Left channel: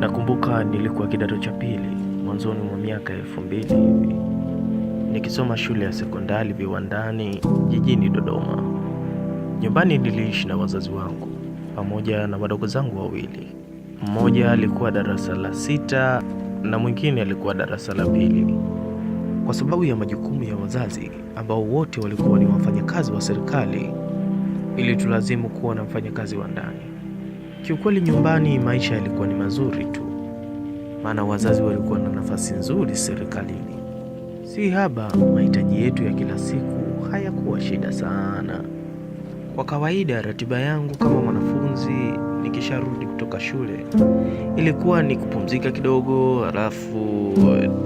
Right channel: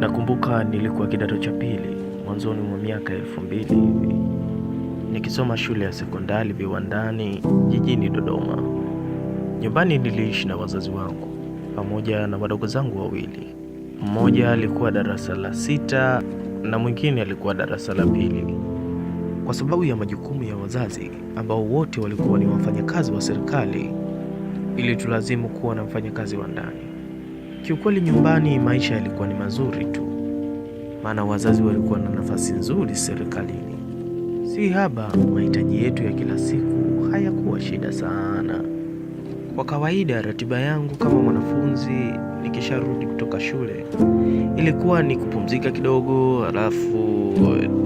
Nakumbuka nilikuwa kidato cha pili, mwanzoni mwa miaka 2000 hivi, nikisoma shule ya sekondari Viwandani jijini Dodoma. Nyumbani niliishi na wazazi wangu pamoja na wadogo zangu wawili. Mmoja alikuwa darasa la 6 na mwingine alikuwa darasa la 2. Kwa sababu ya majukumu ya wazazi ambao wote walikuwa ni wafanyakazi wa serikali, ili tulazimu kuwa na mfanyakazi wa ndani. Kiukweli nyumbani maisha yalikuwa ni mazuri tu, maana wazazi walikuwa na nafasi nzuri serikalini. Si haba, mahitaji yetu ya kila siku hayakuwa shida sana. Kwa kawaida ratiba yangu kama mwanafunzi nikisharudi kutoka shule ilikuwa ni kupumzika kidogo, alafu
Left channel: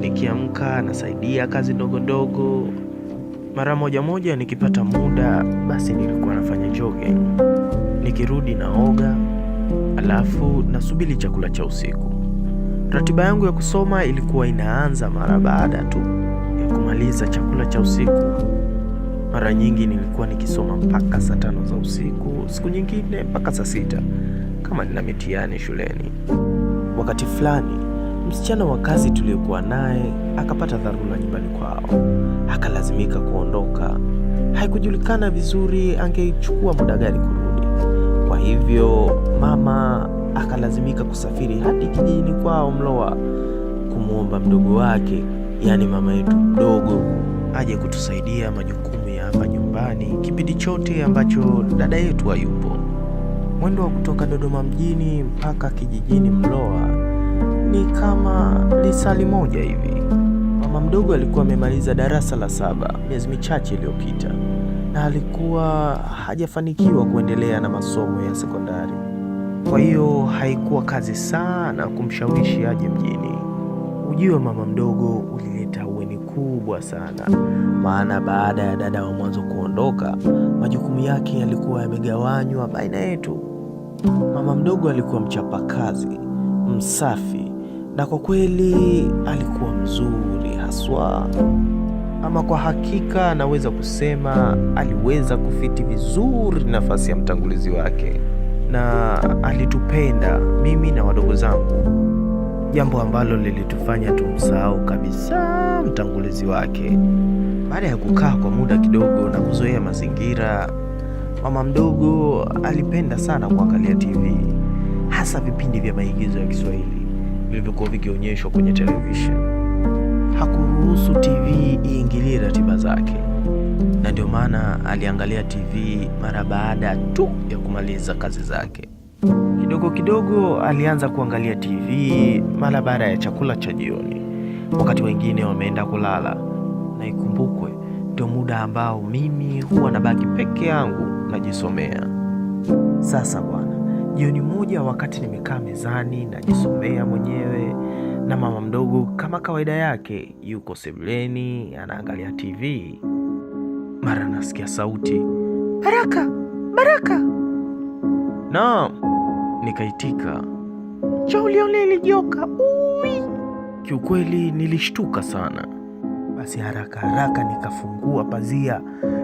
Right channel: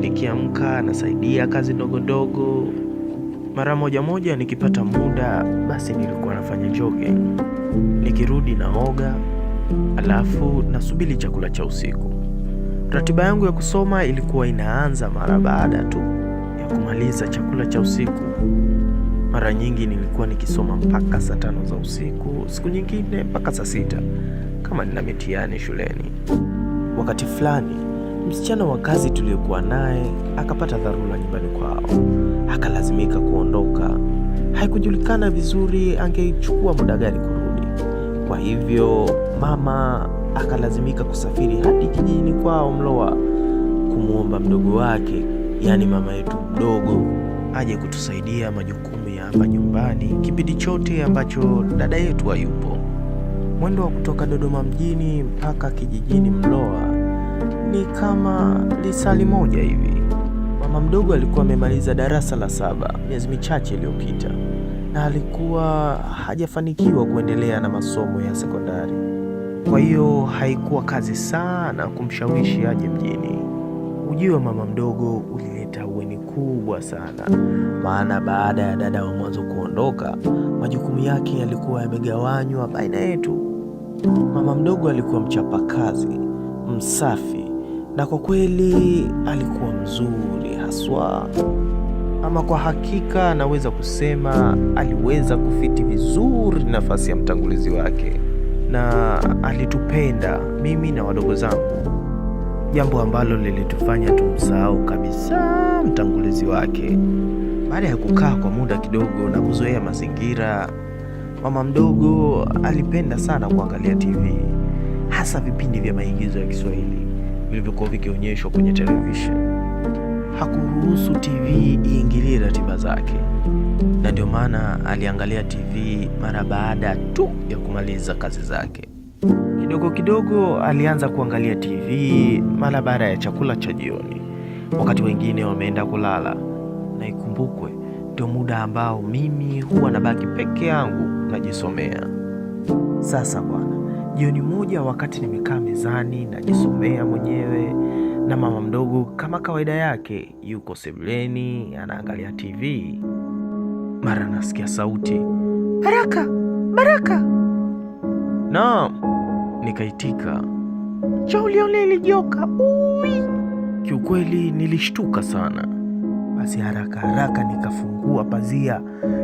nikiamka nasaidia kazi ndogo ndogo. Mara moja nikipata muda basi nilikuwa nafanya jogging. Nikirudi naoga, alafu nasubiri chakula cha usiku. Ratiba yangu ya kusoma ilikuwa inaanza mara baada tu ya kumaliza chakula cha usiku. Mara nyingi nilikuwa nikisoma mpaka saa 5 za usiku, siku nyingine mpaka saa 6 kama nina mitihani shuleni. Wakati fulani msichana wa kazi tuliokuwa naye akapata dharura nyumbani kwao, akalazimika kuondoka. Haikujulikana vizuri angechukua muda gani kurudi. Kwa hivyo mama akalazimika kusafiri hadi kijijini kwao Mlowa kumwomba mdogo wake, yaani mama yetu mdogo, aje kutusaidia majukumu ya hapa nyumbani kipindi chote ambacho dada yetu hayupo. Mwendo wa kutoka Dodoma mjini mpaka kijijini Mlowa ni kama lisali moja hivi. Mama mdogo alikuwa amemaliza darasa la 7 miezi michache iliyopita, na alikuwa hajafanikiwa kuendelea na masomo ya sekondari. Kwa hiyo haikuwa kazi sana kumshawishi aje mjini. Ujio wa mama mdogo ulileta uweni kubwa sana, maana baada ya dada wa mwanzo kuondoka, majukumu yake yalikuwa yamegawanywa baina yetu. Mama mdogo alikuwa mchapakazi, msafi, na kwa kweli alikuwa mzuri haswa. Ama kwa hakika naweza kusema aliweza kufiti vizuri nafasi ya mtangulizi wake, na alitupenda mimi na wadogo zangu, jambo ambalo lilitufanya tumsahau kabisa mtangulizi wake. Baada ya kukaa kwa muda kidogo na kuzoea mazingira, mama mdogo alipenda sana kuangalia TV, hasa vipindi vya maigizo ya Kiswahili vilivyokuwa vikionyeshwa kwenye television. Hakuruhusu TV iingilie ratiba zake, na ndio maana aliangalia TV mara baada tu ya kumaliza kazi zake. Kidogo kidogo alianza kuangalia TV mara baada ya chakula cha jioni, wakati wengine wameenda kulala, na ikumbukwe ndio muda ambao mimi huwa nabaki peke yangu najisomea. Sasa bwana, jioni moja wakati nimekaa mezani najisomea mwenyewe, na mama mdogo kama kawaida yake yuko sebuleni anaangalia TV, mara nasikia sauti, "Baraka, Baraka!" Naam, nikaitika, "Njoo ulione ile joka." Ui! Kiukweli nilishtuka sana. Basi haraka nikafungua pazia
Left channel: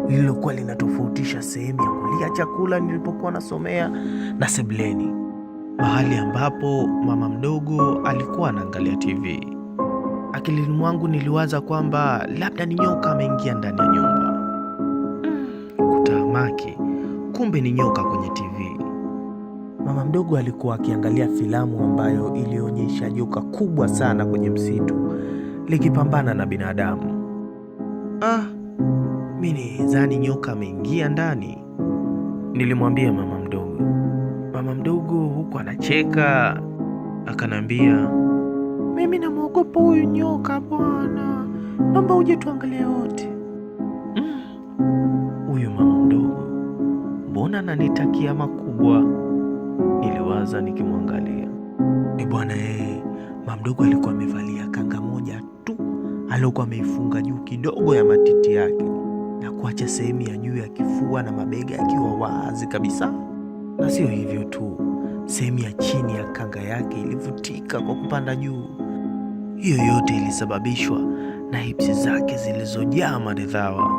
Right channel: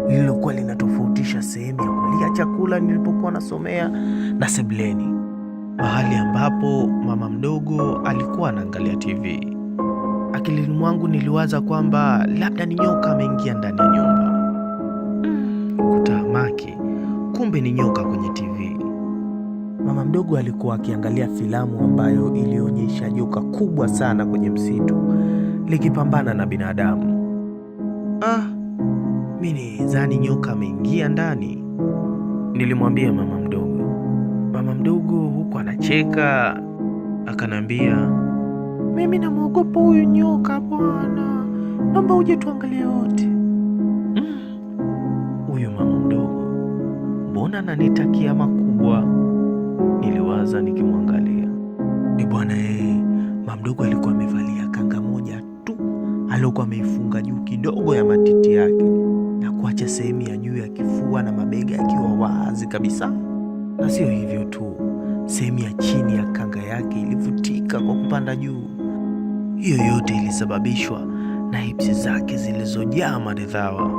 lililokuwa linatofautisha sehemu ya kulia chakula nilipokuwa nasomea na sebuleni, mahali ambapo mama mdogo alikuwa anaangalia TV. Akilini mwangu niliwaza kwamba labda ni nyoka ameingia ndani ya nyumba. Kutahamaki, kumbe ni nyoka kwenye TV. Mama mdogo alikuwa akiangalia filamu ambayo ilionyesha joka kubwa sana kwenye msitu likipambana na binadamu. Mimi nidhani nyoka ameingia ndani, nilimwambia mama mdogo. Mama mdogo huku anacheka akanambia, "Mimi namwogopa huyu nyoka bwana, naomba uje tuangalie wote." Huyu mama mdogo mbona ananitakia makubwa, niliwaza nikimwangalia. Bwana mama mdogo alikuwa amevalia kanga moja tu aliyokuwa ameifunga juu kidogo ya matiti yake, na kuacha sehemu ya juu ya kifua na mabega yakiwa wazi kabisa. Na sio hivyo tu, sehemu ya chini ya kanga yake ilivutika kwa kupanda juu. Hiyo yote ilisababishwa na hipsi zake zilizojaa maridhawa.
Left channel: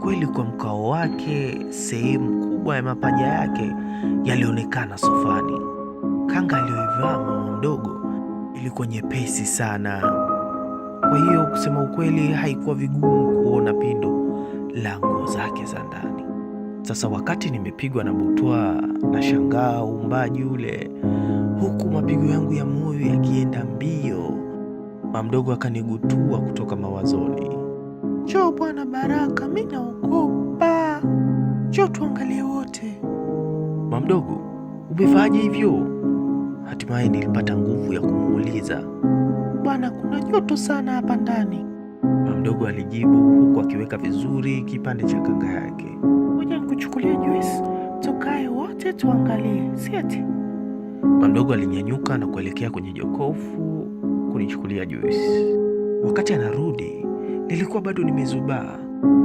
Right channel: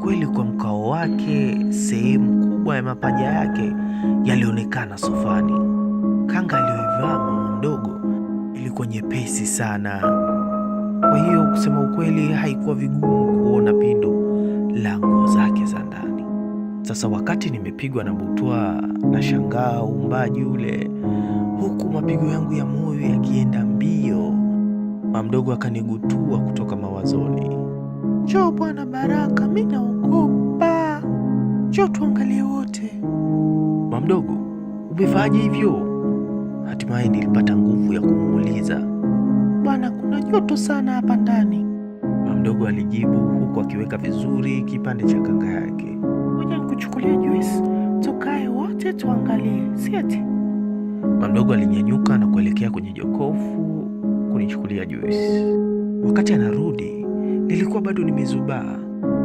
Kweli kwa mkao wake, sehemu kubwa ya mapaja yake yalionekana sofani. Kanga aliyoivaa mama mdogo ilikuwa nyepesi sana. Kwa hiyo kusema ukweli, haikuwa vigumu kuona pindo la nguo zake za ndani. Sasa wakati nimepigwa na butwaa, na shangaa uumbaji ule, huku mapigo yangu ya moyo yakienda mbio, mama mdogo akanigutua kutoka mawazoni. Njoo bwana Baraka, mimi naogopa. Njoo tuangalie wote. Mama mdogo, umefaje hivyo? Hatimaye nilipata nguvu ya kumuuliza. Bwana, kuna joto sana hapa ndani, mama mdogo alijibu, huku akiweka vizuri kipande cha kanga yake. Ngoja nikuchukulie juice, tukae wote tuangalie, si eti? Mama mdogo alinyanyuka na kuelekea kwenye jokofu kunichukulia juice. Wakati anarudi, nilikuwa bado nimezubaa.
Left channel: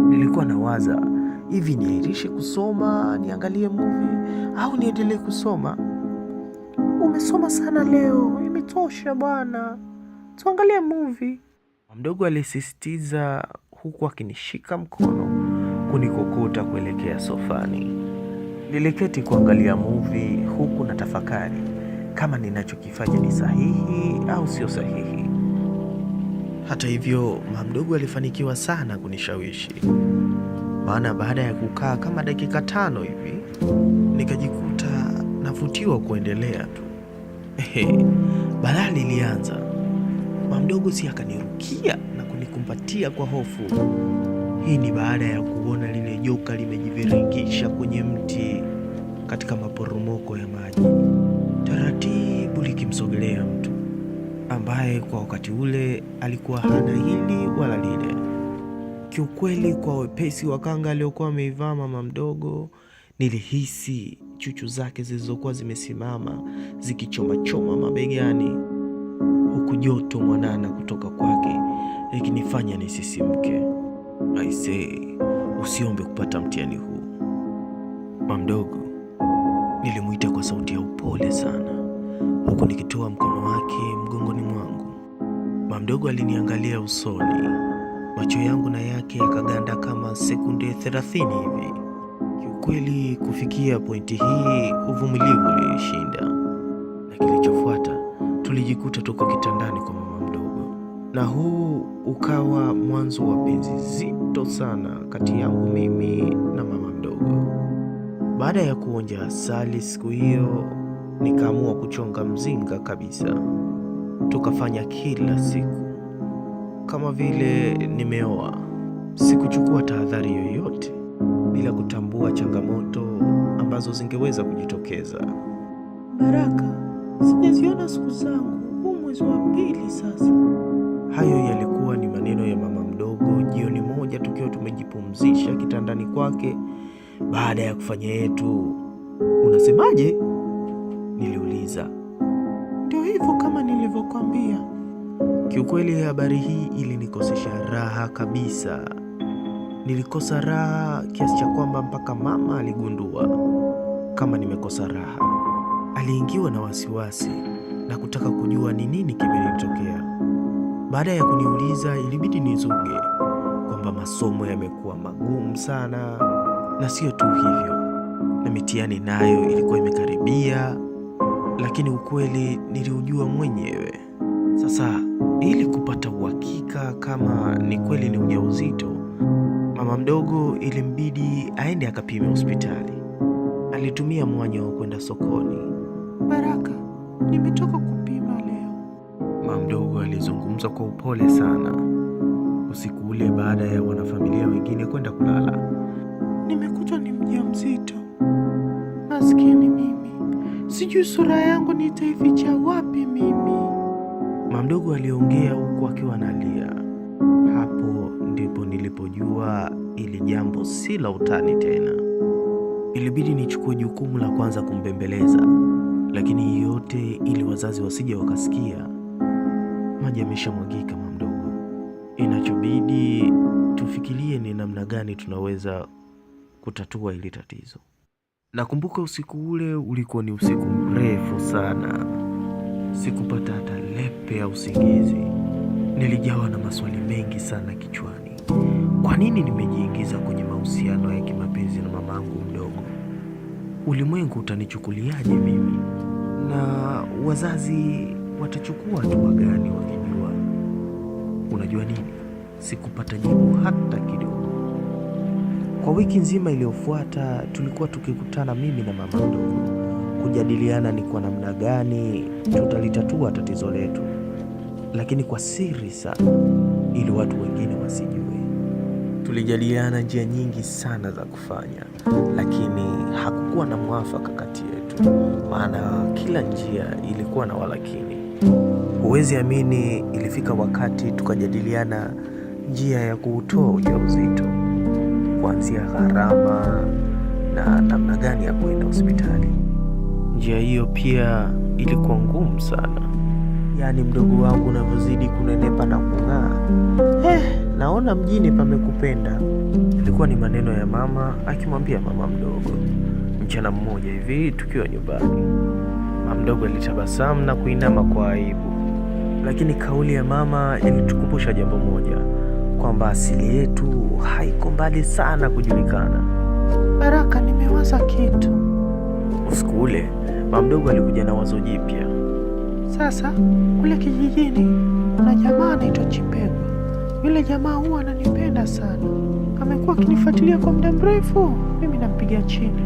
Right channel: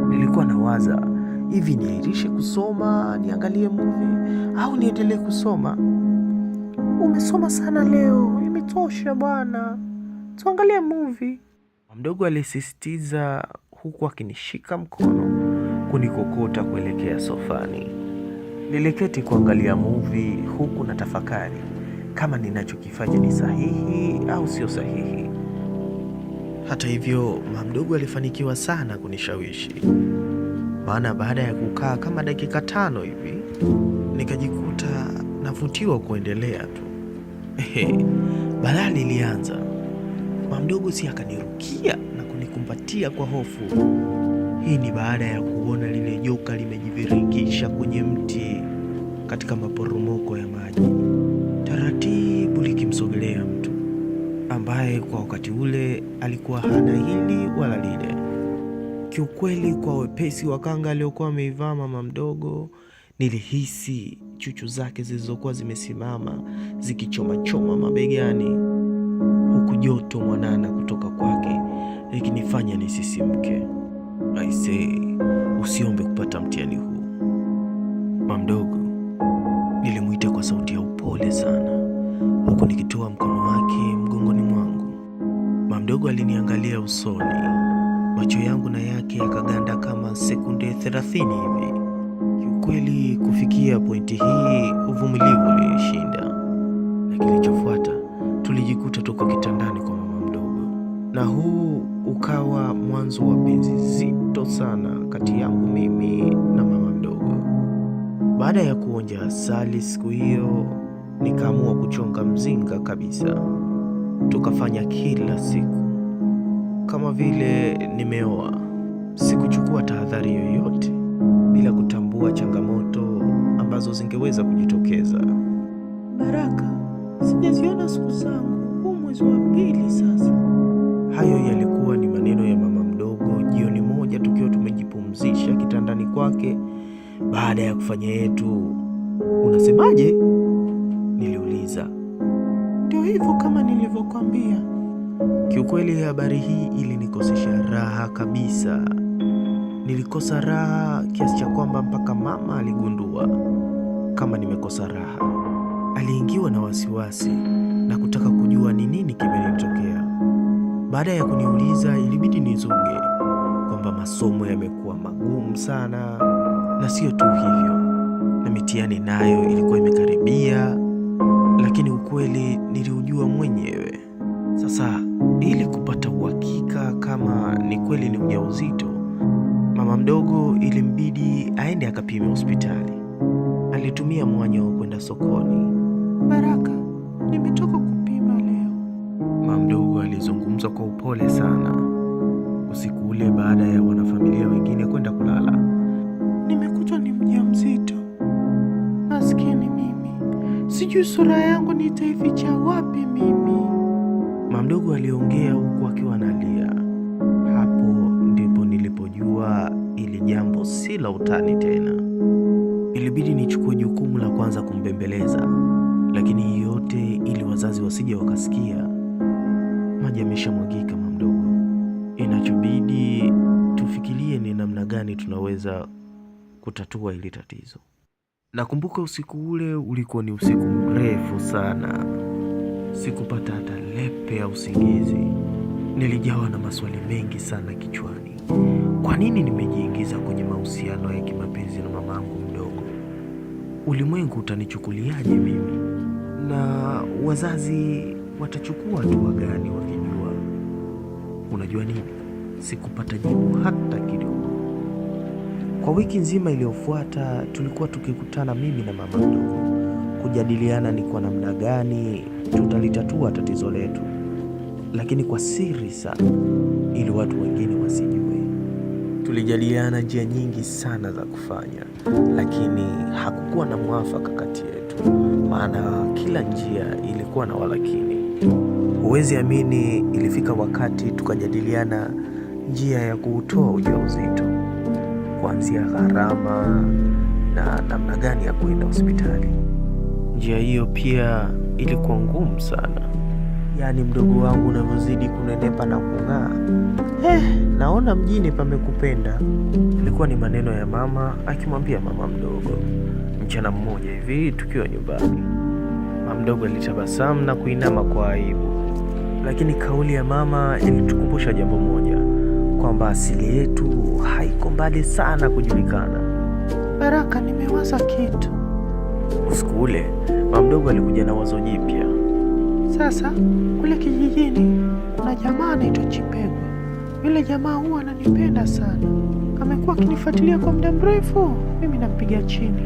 Nilikuwa nawaza, hivi niairishe kusoma, niangalie movie au niendelee kusoma? Umesoma sana leo, imetosha bwana. Tuangalie movie. Mama mdogo alisisitiza, huku akinishika mkono kunikokota kuelekea sofani. Niliketi kuangalia movie huku na tafakari kama ninachokifanya ni sahihi au sio sahihi. Hata hivyo, mama mdogo alifanikiwa sana kunishawishi. Maana baada ya kukaa kama dakika 5 hivi, nikajikuta navutiwa kuendelea tu. Balaa lilianza. Mama mdogo si akanirukia na kunikumbatia kwa hofu. Hii ni baada ya kuona lile joka limejiviringisha kwenye mti katika maporomoko ya maji, taratibu likimsogelea mtu ambaye kwa wakati ule alikuwa hana hili wala lile. Kiukweli, kwa wepesi wa kanga aliyokuwa ameivaa mama mdogo, nilihisi chuchu zake zilizokuwa zimesimama zikichoma mabegani, huku joto mwanana kutoka kwake likinifanya nisisimke. Aisee, usiombe kupata mtihani huu. Mama mdogo, nilimuita kwa sauti ya upole sana, huku nikitoa mkono wake mgongoni mwangu. Mama mdogo aliniangalia usoni, macho yangu na yake yakaganda kama sekunde 30 hivi. Kiukweli, kufikia pointi hii uvumilivu ulishinda, na kilichofuata tulijikuta tuko kitandani kwa mama mdogo, na huu ukawa mwanzo wa penzi zito sana kati yangu mimi na mama mdogo. Baada ya kuonja asali siku hiyo, nikaamua kuchonga mzinga kabisa. Tukafanya kila siku kama vile nimeoa. Sikuchukua tahadhari yoyote, bila kutambua changamoto ambazo zingeweza kujitokeza. Baraka, sijaziona siku zangu, huu mwezi wa 2 sasa. Hayo yalikuwa ni maneno ya mama mdogo jioni moja tukiwa tumejipumzisha kitandani kwake baada ya kufanya yetu. Unasemaje? Niliuliza. Ndio hivyo kama nilivyokuambia. Kiukweli, habari hii ilinikosesha raha kabisa. Nilikosa raha kiasi cha kwamba mpaka mama aligundua kama nimekosa raha. Aliingiwa na wasiwasi na kutaka kujua ni nini kimenitokea. Baada ya kuniuliza, ilibidi nizuge kwamba masomo yamekuwa magumu sana, na sio tu hivyo, na mitihani nayo ilikuwa imekaribia, lakini ukweli niliujua mwenyewe. Sasa ili kupata uhakika kama ni kweli ni ujauzito, mama mdogo ilimbidi aende akapime hospitali. Alitumia mwanya wa kwenda sokoni. Baraka, nimetoka kupima leo, mama mdogo alizungumza kwa upole sana usiku ule baada ya wanafamilia wengine kwenda kulala. Nimekutwa ni mjamzito. Maskini mimi, sijui sura yangu nitaificha wapi mimi, mama mdogo aliongea huku akiwa analia. Hapo ndipo nilipojua ili jambo si la utani tena. Ilibidi nichukue jukumu la kwanza kumbembeleza, lakini yote ili wazazi wasije wakasikia. Maji yameshamwagika mama mdogo, inachobidi tufikirie ni namna gani tunaweza kutatua hili tatizo. Nakumbuka usiku ule ulikuwa ni usiku mrefu sana. Sikupata hata lepe ya usingizi. Nilijawa na maswali mengi sana kichwani. Kwa nini nimejiingiza kwenye mahusiano ya kimapenzi na mamangu mdogo? Ulimwengu utanichukuliaje mimi? Na wazazi watachukua hatua gani wakijua? Unajua nini? Sikupata jibu hata kidogo. Kwa wiki nzima iliyofuata tulikuwa tukikutana mimi na mama mdogo kujadiliana ni kwa namna gani tutalitatua tatizo letu, lakini kwa siri sana, ili watu wengine wasijue. Tulijadiliana njia nyingi sana za kufanya, lakini hakukuwa na mwafaka kati yetu, maana kila njia ilikuwa na walakini. Huwezi amini, ilifika wakati tukajadiliana njia ya kuutoa ujauzito, kuanzia gharama na namna gani ya kwenda hospitali. Njia hiyo pia ilikuwa ngumu sana. Yaani mdogo wangu unavyozidi kunenepa na kung'aa, naona mjini pamekupenda. Ilikuwa ni maneno ya mama akimwambia mama mdogo. Mchana mmoja hivi tukiwa nyumbani, mama mdogo alitabasamu na kuinama kwa aibu, lakini kauli ya mama ilitukumbusha jambo moja, kwamba asili yetu haiko mbali sana kujulikana. Baraka, nimewaza kitu. Usiku ule mama mdogo alikuja na wazo jipya. Sasa kule kijijini kuna jamaa anaitwa Chipegwa. Yule jamaa huwa ananipenda sana, amekuwa akinifuatilia kwa muda mrefu, mimi nampiga chini.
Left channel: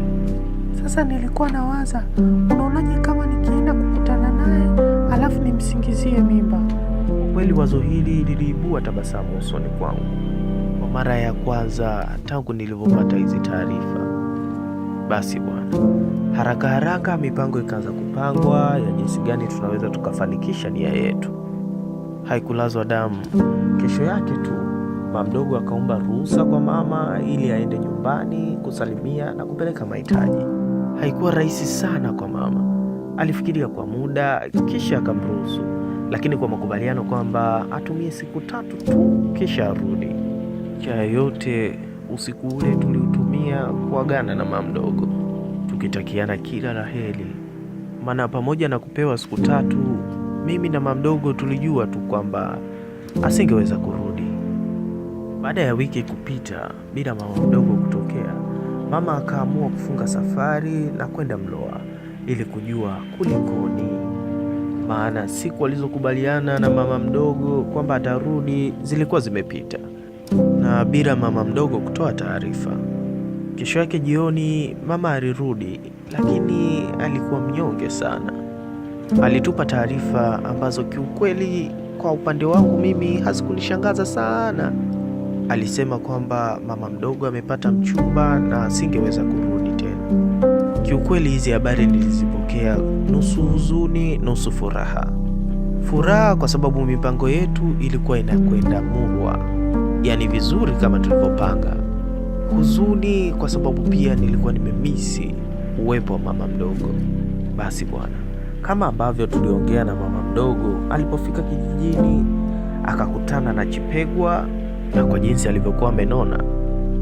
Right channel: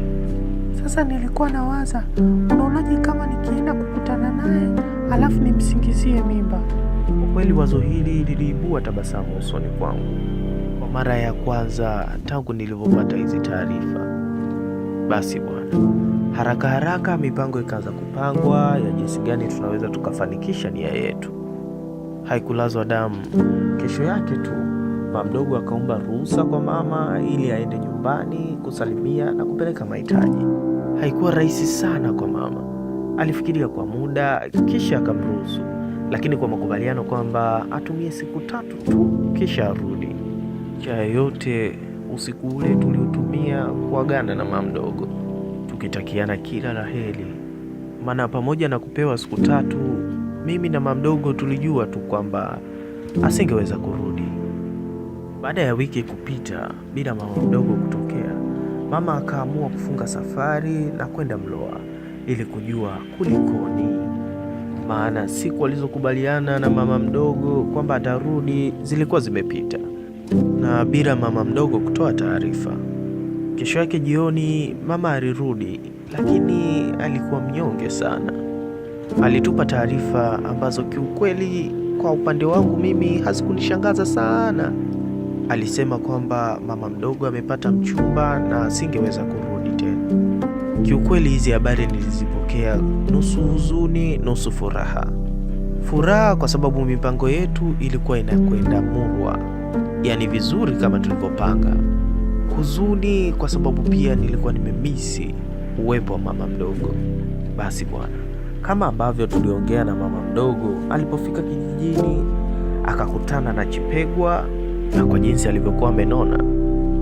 Sasa nilikuwa nawaza, unaonaje kama nikienda kukutana naye alafu nimsingizie mimba? Kweli wazo hili liliibua tabasamu usoni kwangu kwa mara ya kwanza tangu nilivyopata hizi taarifa. Basi bwana, haraka haraka mipango ikaanza kupangwa ya jinsi gani tunaweza tukafanikisha nia yetu. Haikulazwa damu. Kesho yake tu mama mdogo akaomba ruhusa kwa mama ili aende nyumbani kusalimia na kupeleka mahitaji. Haikuwa rahisi sana kwa mama. Alifikiria kwa muda kisha akamruhusu, lakini kwa makubaliano kwamba atumie siku 3 tu kisha arudi. Chaya yote usiku ule tuliutumia kuagana na mama mdogo, tukitakiana kila la heri, maana pamoja na kupewa siku 3, mimi na mama mdogo tulijua tu kwamba asingeweza kurudi. Baada ya wiki kupita bila mama mdogo kutokea, mama akaamua kufunga safari na kwenda Mloa ili kujua kulikoni, maana siku alizokubaliana na mama mdogo kwamba atarudi zilikuwa zimepita na bila mama mdogo kutoa taarifa. Kesho yake jioni mama alirudi, lakini alikuwa mnyonge sana. Alitupa taarifa ambazo kiukweli kwa upande wangu mimi hazikunishangaza sana. Alisema kwamba mama mdogo amepata mchumba na asingeweza kurudi tena. Kiukweli hizi habari nilizipokea nusu huzuni, nusu furaha. Furaha kwa sababu mipango yetu ilikuwa inakwenda murwa, yaani vizuri kama tulivyopanga. Huzuni kwa sababu pia nilikuwa nimemisi uwepo wa mama mdogo. Basi bwana, kama ambavyo tuliongea na mama mdogo, alipofika kijijini akakutana na Chipegwa, na kwa jinsi alivyokuwa amenona,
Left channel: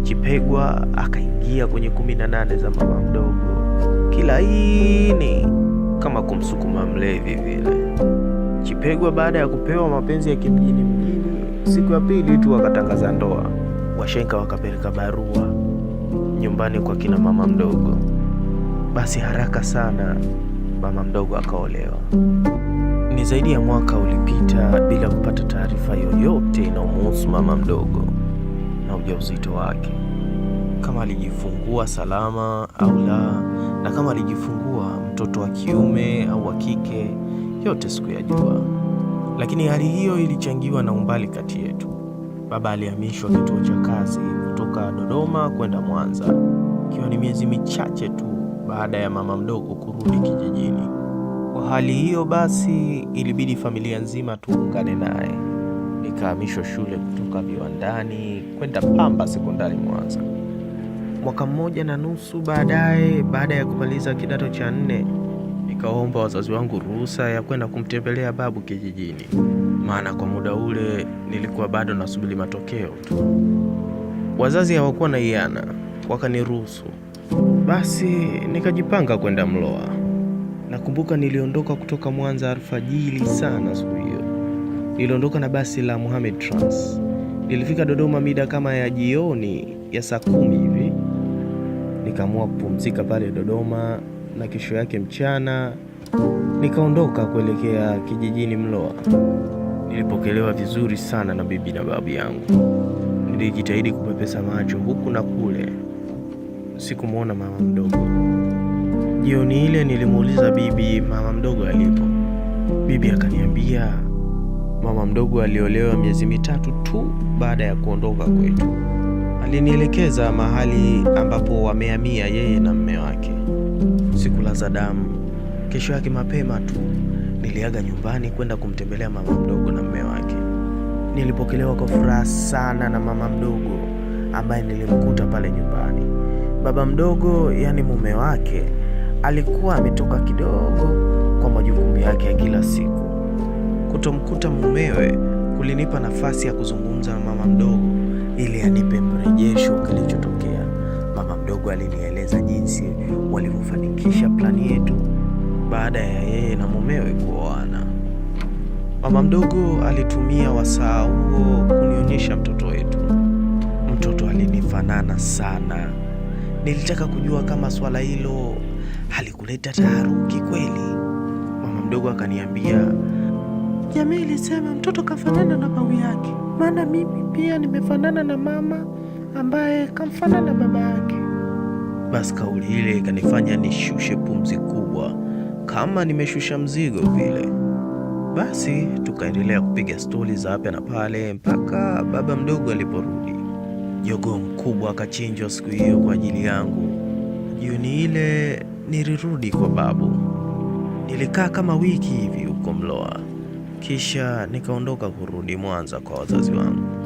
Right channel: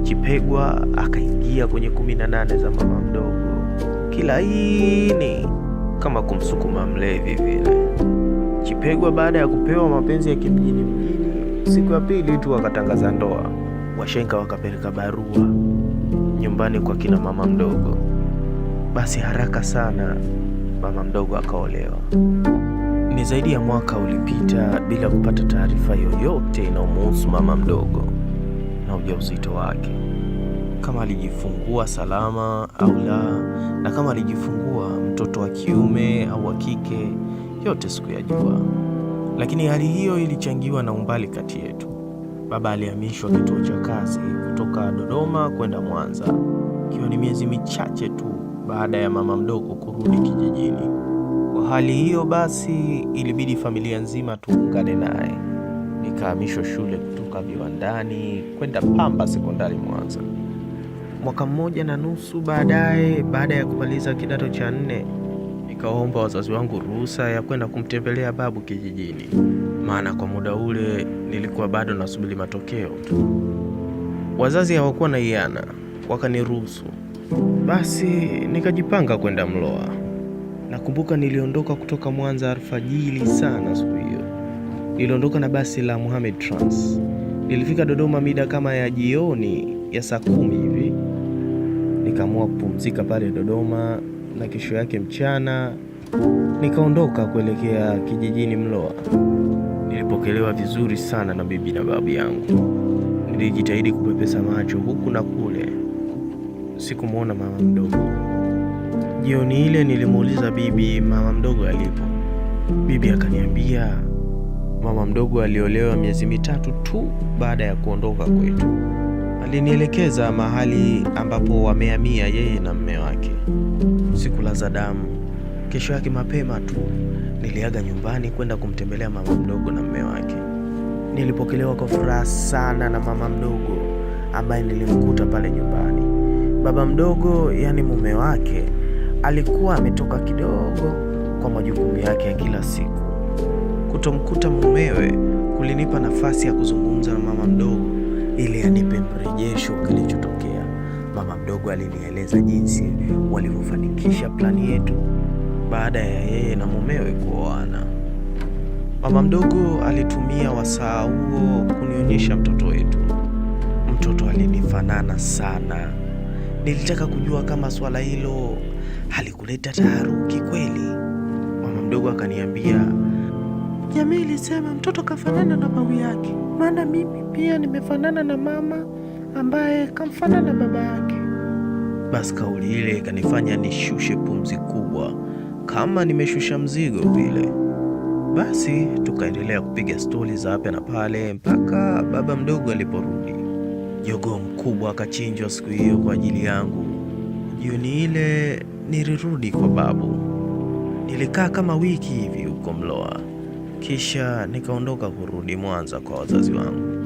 Chipegwa akaingia kwenye 18 za mama mdogo kilaini kama kumsukuma mlevi vile. Chipegwa baada ya kupewa mapenzi ya kimjini mjini, siku ya pili tu akatangaza ndoa. Washenga wakapeleka barua nyumbani kwa kina mama mdogo. Basi haraka sana mama mdogo akaolewa. Ni zaidi ya mwaka ulipita bila kupata taarifa yoyote inayomhusu mama mdogo na ujauzito wake, kama alijifungua salama au la, na kama alijifungua mtoto wa kiume au wa kike, yote sikuyajua. Lakini hali hiyo ilichangiwa na umbali kati yetu. Baba alihamishwa kituo cha kazi kutoka Dodoma kwenda Mwanza, ikiwa ni miezi michache tu baada ya mama mdogo kurudi kijijini. Kwa hali hiyo basi ilibidi familia nzima tuungane naye. Nikahamishwa shule kutoka Viwandani kwenda Pamba Sekondari Mwanza. Mwaka 1.5 baadaye, baada ya kumaliza kidato cha 4, nikaomba wazazi wangu ruhusa ya kwenda kumtembelea babu kijijini, maana kwa muda ule nilikuwa bado nasubiri matokeo tu. Wazazi hawakuwa na hiana, wakaniruhusu. Basi nikajipanga kwenda Mloa. Nakumbuka niliondoka kutoka Mwanza alfajiri sana siku hiyo. Niliondoka na basi la Mohamed Trans. Nilifika Dodoma mida kama ya jioni ya saa 10 hivi. Nikaamua kupumzika pale Dodoma, na kesho yake mchana Nikaondoka kuelekea kijijini Mloa. Nilipokelewa vizuri sana na bibi na babu yangu. Nilijitahidi kupepesa macho huku na kule. Sikumwona mama mdogo. Jioni ile nilimuuliza bibi mama mdogo alipo. Bibi akaniambia mama mdogo aliolewa miezi mitatu tu baada ya kuondoka kwetu. Alinielekeza mahali ambapo wamehamia yeye na mume wake. Sikulaza damu. Kesho yake mapema tu niliaga nyumbani kwenda kumtembelea mama mdogo na mume wake. Nilipokelewa kwa furaha sana na mama mdogo ambaye nilimkuta pale nyumbani. Baba mdogo, yani mume wake, alikuwa ametoka kidogo kwa majukumu yake ya kila siku. Kutomkuta mumewe kulinipa nafasi ya kuzungumza na mama mdogo ili anipe mrejesho kilichotokea. Mama mdogo alinieleza jinsi walivyofanikisha plani yetu baada ya yeye na mumewe kuoana. Mama mdogo alitumia wasaa huo kunionyesha mtoto wetu. Mtoto alinifanana sana. Nilitaka kujua kama swala hilo halikuleta taharuki kweli. Mama mdogo akaniambia, jamii ilisema mtoto kafanana na babu yake, maana mimi pia nimefanana na mama ambaye kamfanana baba yake. Basi kauli ile ikanifanya nishushe pumzi kubwa kama nimeshusha mzigo vile. Basi tukaendelea kupiga stori za hapa na pale mpaka baba mdogo aliporudi. Jogoo mkubwa akachinjwa siku hiyo kwa ajili yangu. Jioni ile nilirudi kwa babu. Nilikaa kama wiki hivi huko Mloa, kisha nikaondoka kurudi Mwanza kwa wazazi wangu.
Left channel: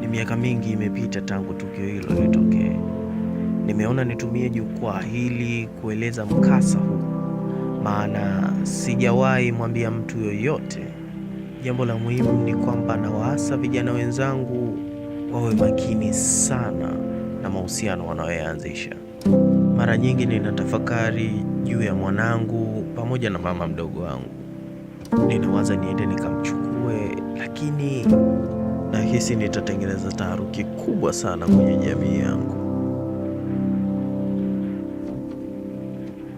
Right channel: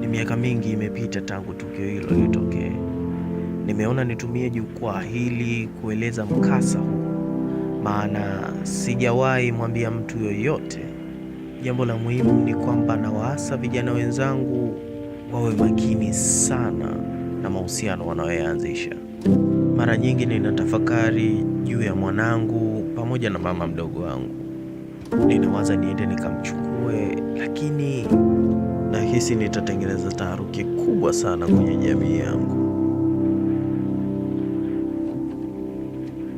Ni miaka mingi imepita tangu tukio hilo litokee. Nimeona nitumie jukwaa hili kueleza mkasa huu, maana sijawahi mwambia mtu yoyote. Jambo la muhimu ni kwamba nawaasa vijana wenzangu wawe makini sana na mahusiano wanayoanzisha. Mara nyingi ninatafakari juu ya mwanangu pamoja na mama mdogo wangu. Ninawaza niende nikamchukue, lakini nahisi nitatengeneza taharuki kubwa sana kwenye jamii yangu.